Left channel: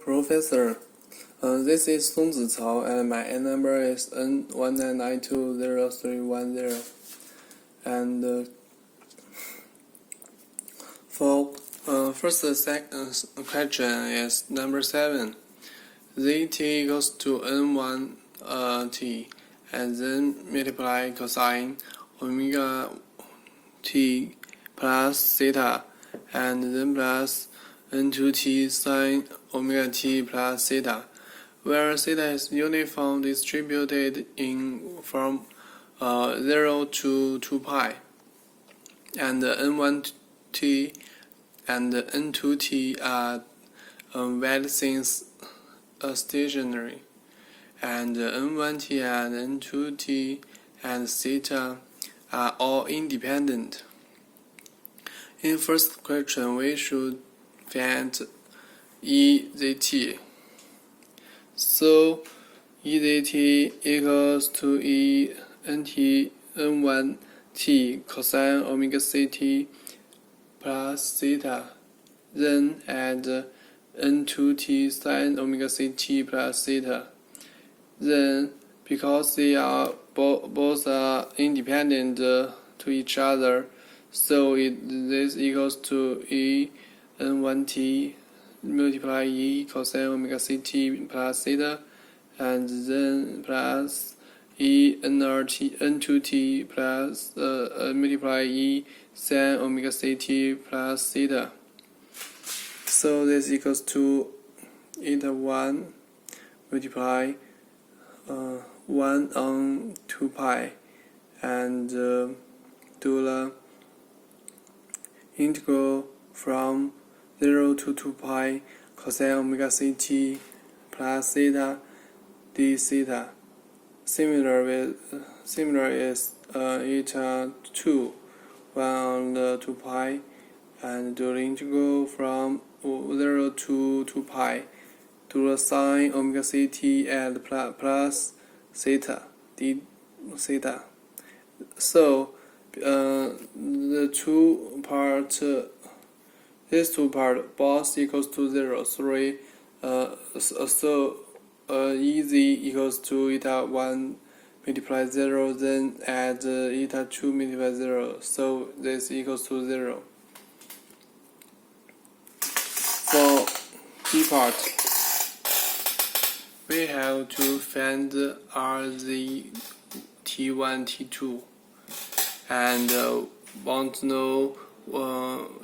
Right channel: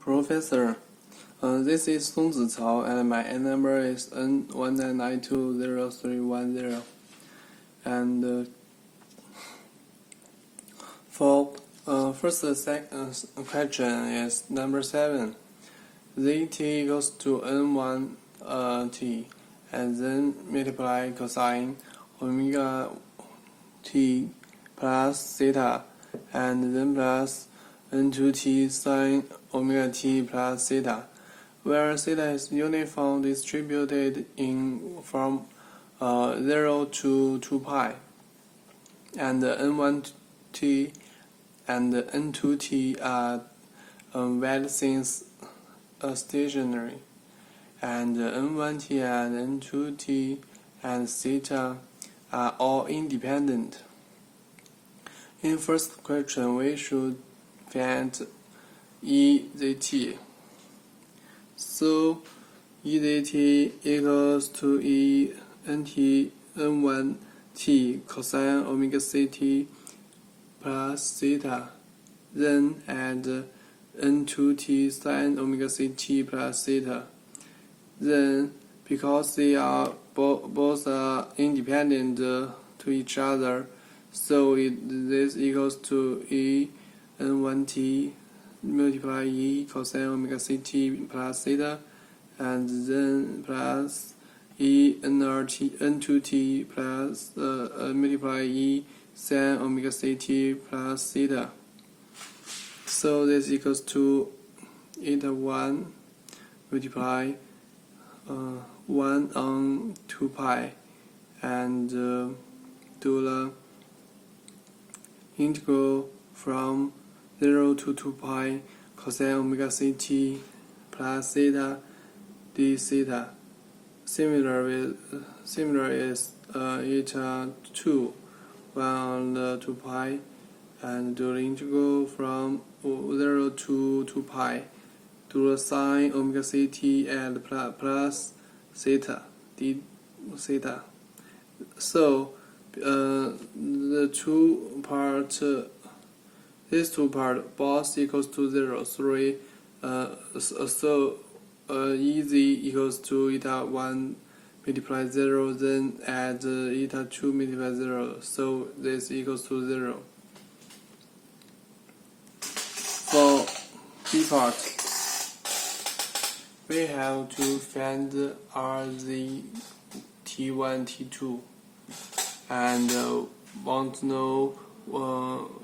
Professor, this is SongziCao and my number is N19920310. And for first second question is number 7. Zt equals to N1 t and then multiply cosine omega t plus theta and then plus N2t sine omega t plus theta, where theta is uniform distributed from 0 to 2 pi, and N1t and N2t are valid since stationary, and N1t and N2t and theta are all independent. In first question, we should find EZT. So EZT equals to N1t cosine omega ct plus theta, then add N2t sine omega ct plus theta. Then, because they are both are independent to each other, so this equals to N1t multiply cosine omega ct plus theta, and then plus N2t plus multiply sine omega ct plus theta. So this equals to eta 1 multiply 1 on 2 pi, and do the integral from 0 to 2 pi cosine omega ct plus theta d theta. Similar is eta 2 1 on the 2 pi, and do the integral from 0 to 2 pi to the sine omega ct and plus theta d theta. So these two parts both equals to 0. So EZ equals to eta 1 multiply 0, then add eta 2 multiply 0. So this equals to 0. For B part, we have to find RZ T1, T2, and want to know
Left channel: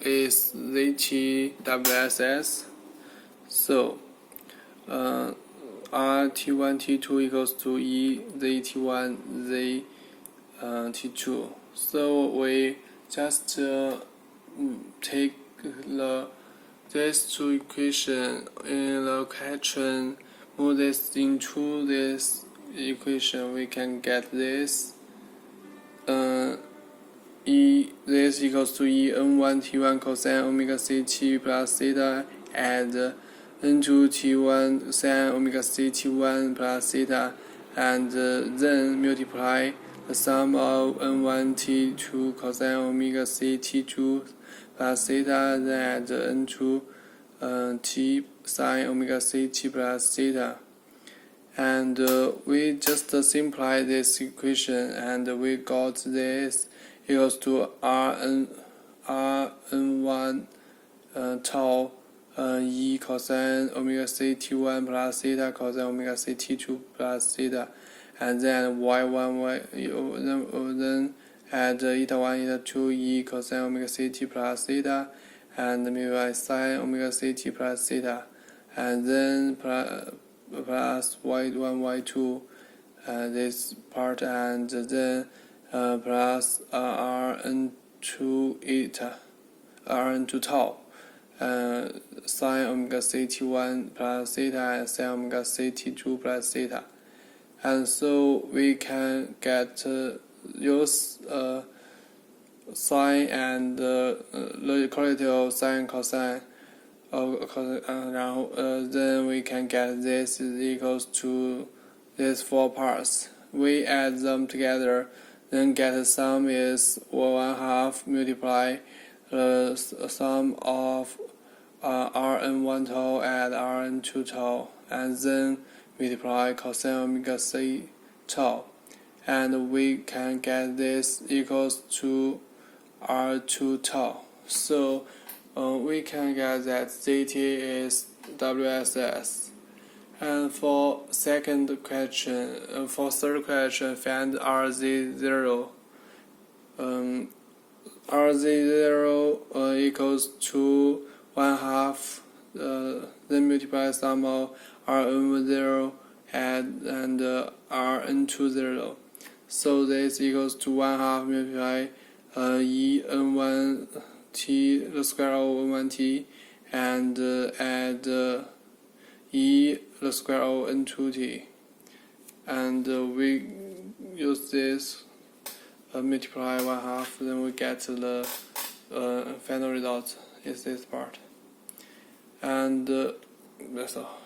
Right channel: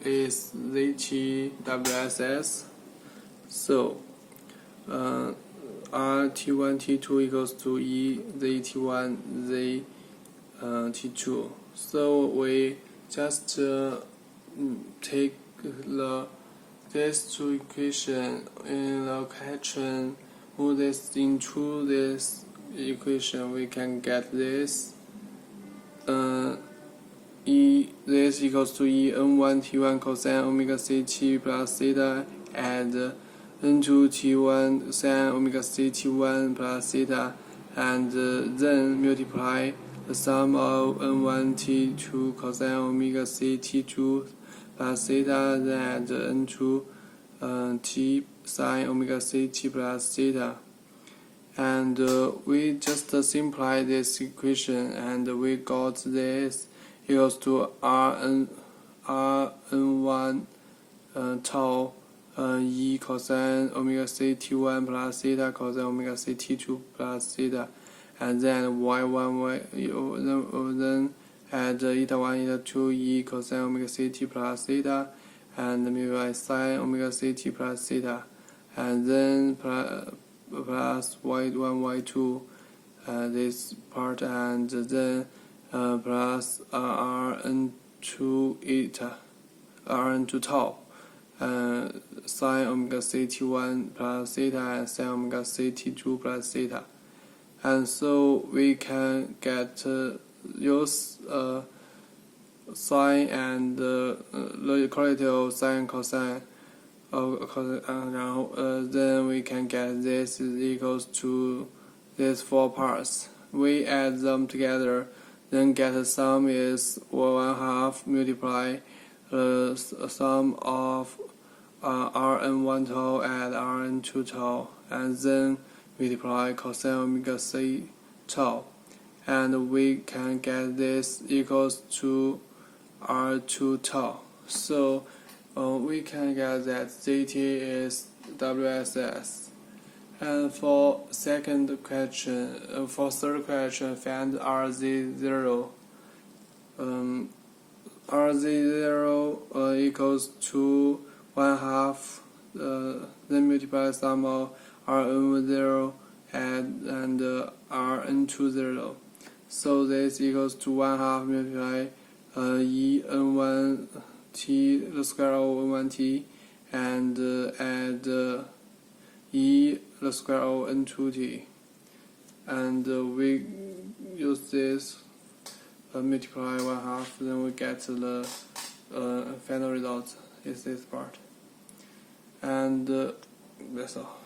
is ZT-WSS. So R-T1, T2 equals to E ZT1, Z T2. So we just take these two equations in the question, move this into this equation, we can get this. This equals to N1 T1 cosine omega ct plus theta and N2 T1 sine omega ct1 plus theta, and then multiply the sum of N1 T2 cosine omega ct2 plus theta, then add N2 T sine omega ct plus theta. And we just simplify this equation, and we got this equals to Rn1 tau E cosine omega ct1 plus theta cosine omega ct2 plus theta, and then y1 then add eta 1 eta 2 E cosine omega ct plus theta, and multiply sine omega ct plus theta, and then plus y1 y2 this part, and then plus Rn2 eta Rn2 tau sine omega ct1 plus theta and sine omega ct2 plus theta. And so we can get use sine and the equality of sine cosine then we can get this is equals to these 4 parts. We add them together, then get the sum is 1/2 multiply the sum of Rn1 tau and Rn2 tau, and then multiply cosine omega c tau, and we can get this equals to R2 tau. So we can get that Zt is WSS. And for third question, find RZ0. RZ0 equals to 1/2, then multiply sum of Rn0 and Rn20. So this equals to 1/2 multiply En1t, the square of En1t, and add E the square of N2t. And we use this multiply 1/2, then we get the final result is this part. And that's all.